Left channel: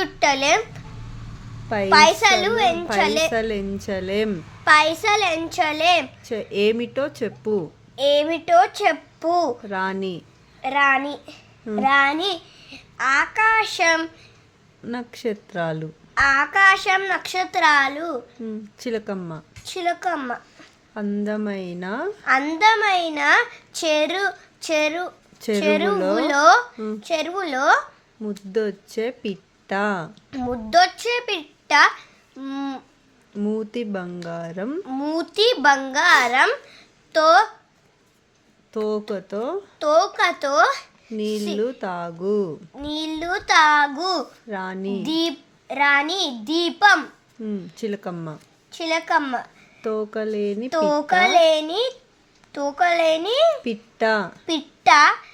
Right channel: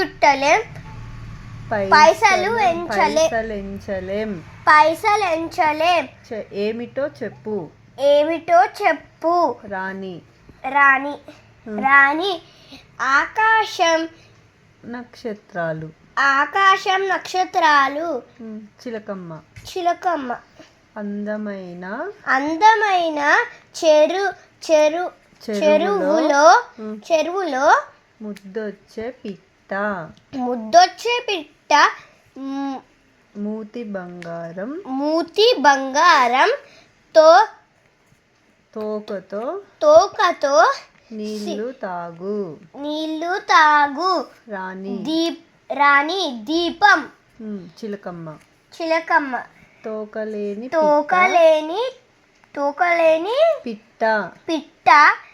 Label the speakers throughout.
Speaker 1: చుట్టలేం.
Speaker 2: పైసలు
Speaker 1: ఎంచలే.
Speaker 2: పైసలు ఎంచలేం.
Speaker 1: పైసలు ఎంచలేం.
Speaker 2: చె- ఏమిటో చెప్పు.
Speaker 1: ఏమిటో చెప్పు.
Speaker 2: రాణి.
Speaker 1: రాణి. రాణి. ఆకాశం.
Speaker 2: నక్షత్రాలు.
Speaker 1: ఆకాశం నక్షత్రాలు.
Speaker 2: చిలకమ్మ.
Speaker 1: చిలకమ్మ.
Speaker 2: అందమైన.
Speaker 1: అందమైన చెరు చెరు
Speaker 2: చెరువులో.
Speaker 1: చెరువులో
Speaker 2: ముద్దొచ్చే పిట్ట
Speaker 1: ముద్దొచ్చే పిట్ట
Speaker 2: మూతి బంగారం.
Speaker 1: మూతి బంగారంతో
Speaker 2: తోకతో.
Speaker 1: తోకతో
Speaker 2: నీళ్ళు తాగు.
Speaker 1: నీళ్ళు తాగు.
Speaker 2: రాణి.
Speaker 1: దీప్ రాణి దీపం.
Speaker 2: చిలకమ్మ.
Speaker 1: చిలకమ్మ.
Speaker 2: తోకలేని
Speaker 1: తోకలేని తోకలేని
Speaker 2: పిట్ట.
Speaker 1: పిట్ట.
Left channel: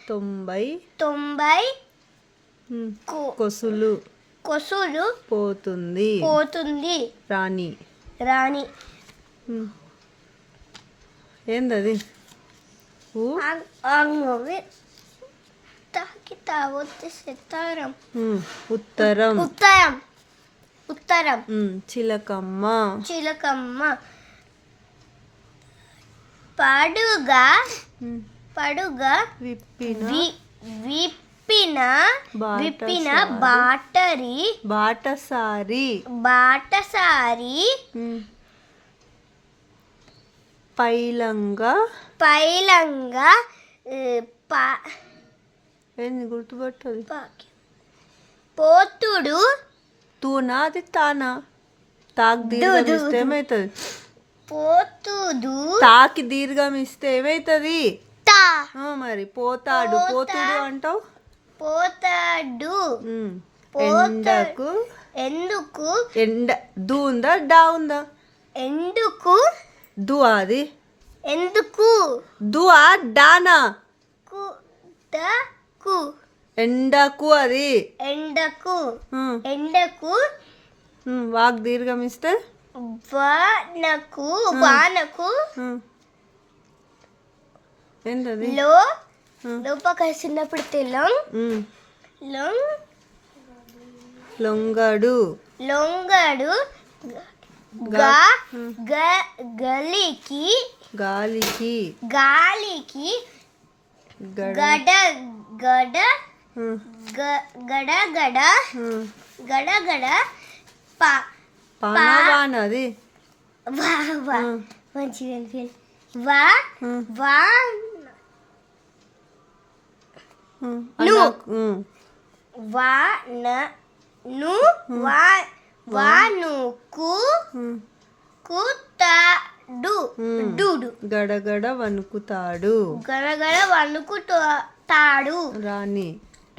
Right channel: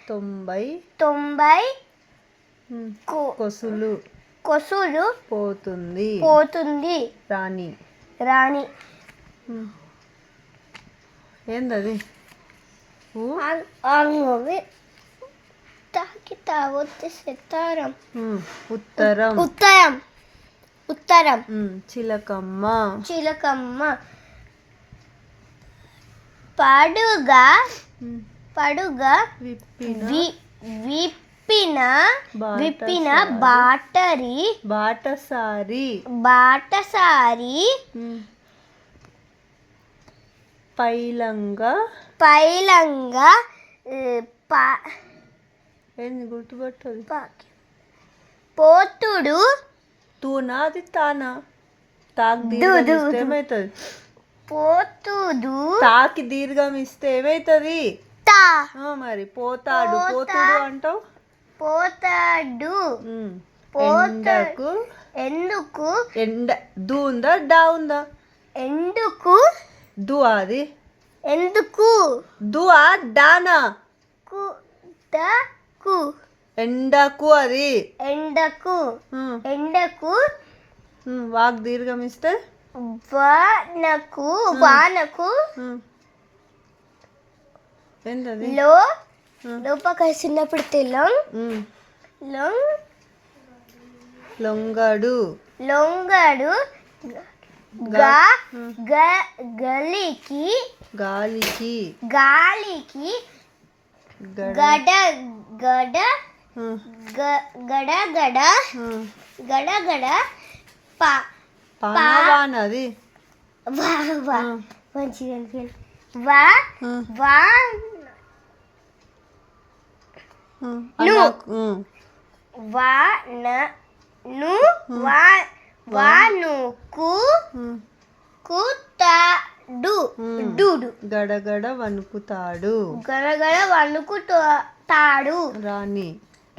Speaker 2: తొంభై.
Speaker 1: తొంభై
Speaker 2: కొసులు.
Speaker 1: కొసులు
Speaker 2: పోతుంది.
Speaker 1: పోతుంది.
Speaker 2: రాణి.
Speaker 1: రాణి.
Speaker 2: ఏందది? ఉత్తరం.
Speaker 1: ఉత్తరం. ఉత్తరం.
Speaker 2: చిలకమ్మ.
Speaker 1: చిలకమ్మ. పడుగా. పడుగా.
Speaker 2: విప్పిన.
Speaker 1: వి- విప్పిన. విప్పిన బాటరి.
Speaker 2: బాటసారి
Speaker 1: బాటసారి
Speaker 2: పైలంగా.
Speaker 1: పైలంగా
Speaker 2: ఏంది గుర్తుపట్టది?
Speaker 1: పోతుడు.
Speaker 2: తూనా అది తానా? తాకి దీర్ఘం. ఏమవుతుంది
Speaker 1: పోతుడు.
Speaker 2: తాకి దీర్ఘం ఇస్తే ఏమవుతుంది మరి పోతాడు.
Speaker 1: పోతా-
Speaker 2: పోతుడు అంటావు?
Speaker 1: పోతాడు.
Speaker 2: ఉమ్,
Speaker 1: పోతా-
Speaker 2: ఎండకు
Speaker 1: ఎందుకు?
Speaker 2: ఎండ దు ఉందా డా ఉందా?
Speaker 1: ఎందుకు?
Speaker 2: దు అది
Speaker 1: ఎందుకు?
Speaker 2: దువా డానా?
Speaker 1: కు కు.
Speaker 2: ఎండకు అది.
Speaker 1: ఎండకు. ఎండకు.
Speaker 2: వాక్ దీర్ఘం ఇస్తే.
Speaker 1: వానకు వానకు.
Speaker 2: ఏంటది?
Speaker 1: లో లోపల చిన్నప్పుడు తెలం లొంగ్
Speaker 2: లొంగడు.
Speaker 1: లొంగడు గా గ- గలికి
Speaker 2: గాలికి.
Speaker 1: గాలికి
Speaker 2: గడ.
Speaker 1: గడ గడ గడ గడ. గడ పా
Speaker 2: పానవాన అది
Speaker 1: వా వా. మంచిగా. వా వా
Speaker 2: ఉమ్.
Speaker 1: ను.
Speaker 2: అలా- ఉమ్,
Speaker 1: వా న ను వా వానుకు. కుతాడు. డూడు.
Speaker 2: గడగడ వణుకుతాడు.
Speaker 1: గడగడ వణుకుతాడు
Speaker 2: రాణి.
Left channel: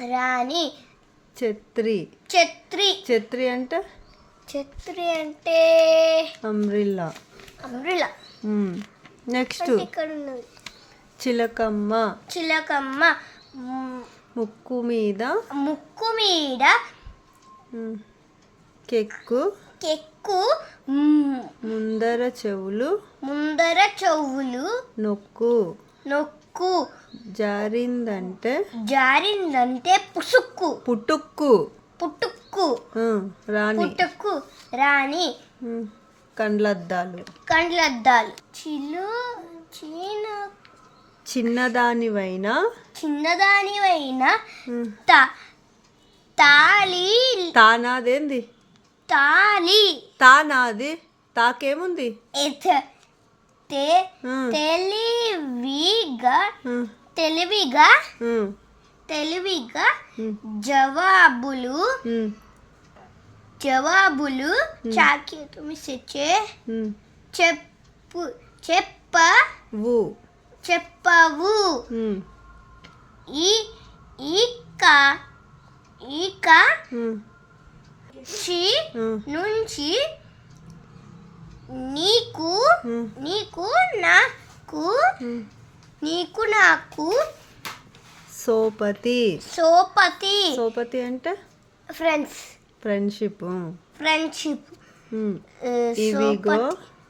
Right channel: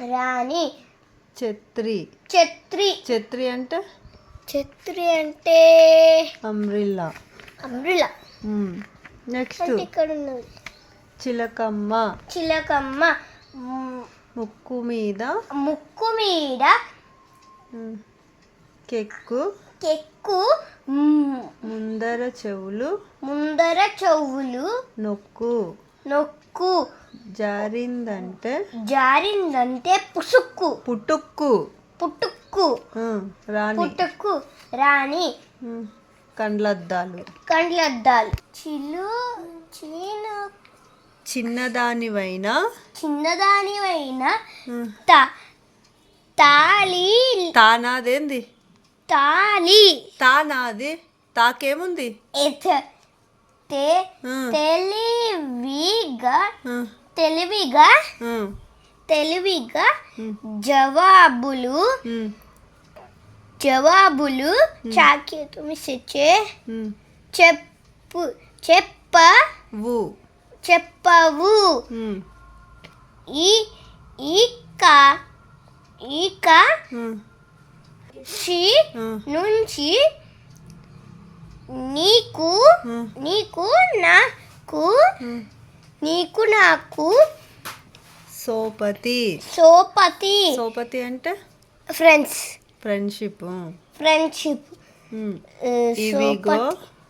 Speaker 1: రాణి.
Speaker 2: ఛత్రి.
Speaker 1: ఛత్రి.
Speaker 2: ఛత్రి అంటే?
Speaker 1: ఛత్రి అంటే?
Speaker 2: అమ్రిల్లా.
Speaker 1: Umbrella
Speaker 2: next.
Speaker 1: ఇక్కడ ఉన్నది
Speaker 2: చిలకమ్మ.
Speaker 1: చిలకమ్మ.
Speaker 2: ముక్కు మీద.
Speaker 1: ముక్కు మీద.
Speaker 2: కెక్కు.
Speaker 1: కెక్కు.
Speaker 2: ముందర చెవులు.
Speaker 1: ముందర చెవులు.
Speaker 2: నొక్కు.
Speaker 1: నొక్కు.
Speaker 2: జారిందంటే.
Speaker 1: జారిందంటే పుసుక్కు.
Speaker 2: పుట్టుక్కు
Speaker 1: పుట్టుక్కు
Speaker 2: రాణి.
Speaker 1: పుట్టుక్కు రాణి.
Speaker 2: కండ్లద్దాలు.
Speaker 1: కండ్లద్దాలు. చిలు చీన
Speaker 2: చిన్నదానివైనా?
Speaker 1: చిన్నదానివైన
Speaker 2: ఉమ్,
Speaker 1: తా తాళి.
Speaker 2: తానాదేంది?
Speaker 1: తాళి.
Speaker 2: తానాది? తాకేముంది?
Speaker 1: తెలివిగా తెలివిగా తెలివిగా జవాబులు. జవాబులు. చాకి తుమి సెచ్చే
Speaker 2: ఉమ్.
Speaker 1: చెప్పు చెప్ప.
Speaker 2: వు.
Speaker 1: చెప్పవు. ఈ చి
Speaker 2: ఉమ్,
Speaker 1: నుంచి నీకు నీకు నాకు. నీకు నాకు
Speaker 2: సోపతి.
Speaker 1: సోపతి.
Speaker 2: సోపతి అంటే?
Speaker 1: ఫ్రెండ్స్.
Speaker 2: ఫ్రెండ్షిప్.
Speaker 1: ఫ్రెండ్షిప్.
Speaker 2: ఇవిగో.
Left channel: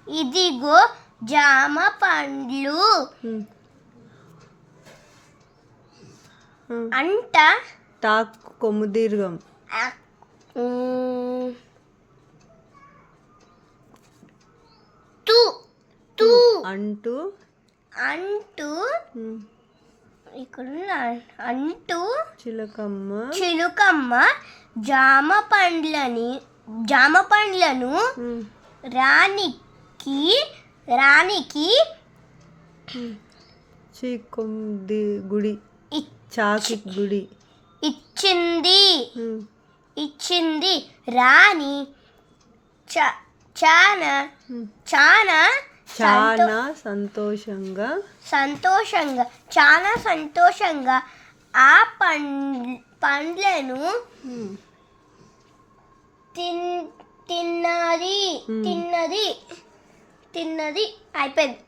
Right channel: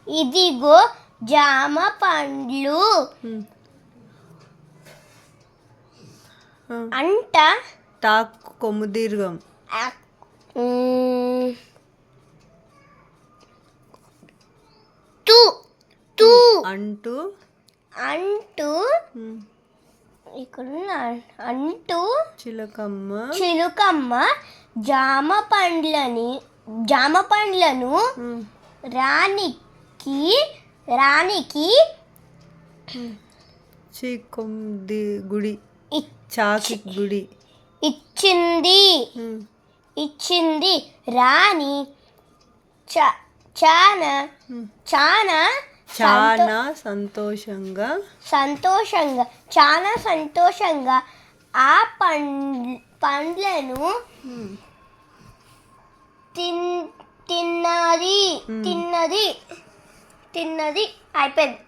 Speaker 1: ఇదిగో జామ పండ్లు. అంట.
Speaker 2: తాకు కొమ్ము దీర్ఘం.
Speaker 1: తు. తు.
Speaker 2: అంటూ.
Speaker 1: అంటూ. ఇక్కడ అంటూ.
Speaker 2: చిలకమ్మ.
Speaker 1: చిలుకమ్మ. జామ పండ్లని జామ పండ్లను
Speaker 2: ఉమ్,
Speaker 1: రాణికి
Speaker 2: చీకొంది గుడి. చాకి గుడి.
Speaker 1: ఇచ్చింది. ఇచ్చింది రాణి. చాలా
Speaker 2: ఉమ్.
Speaker 1: చాలా
Speaker 2: చాలా సంతోషంగా.
Speaker 1: సంతోషంగా చాలా సంతోషంగా ఆ పండ్ పండ్లను తిన్ తిన్నది. తిన్నది. తిన్నది అయిపోయింది.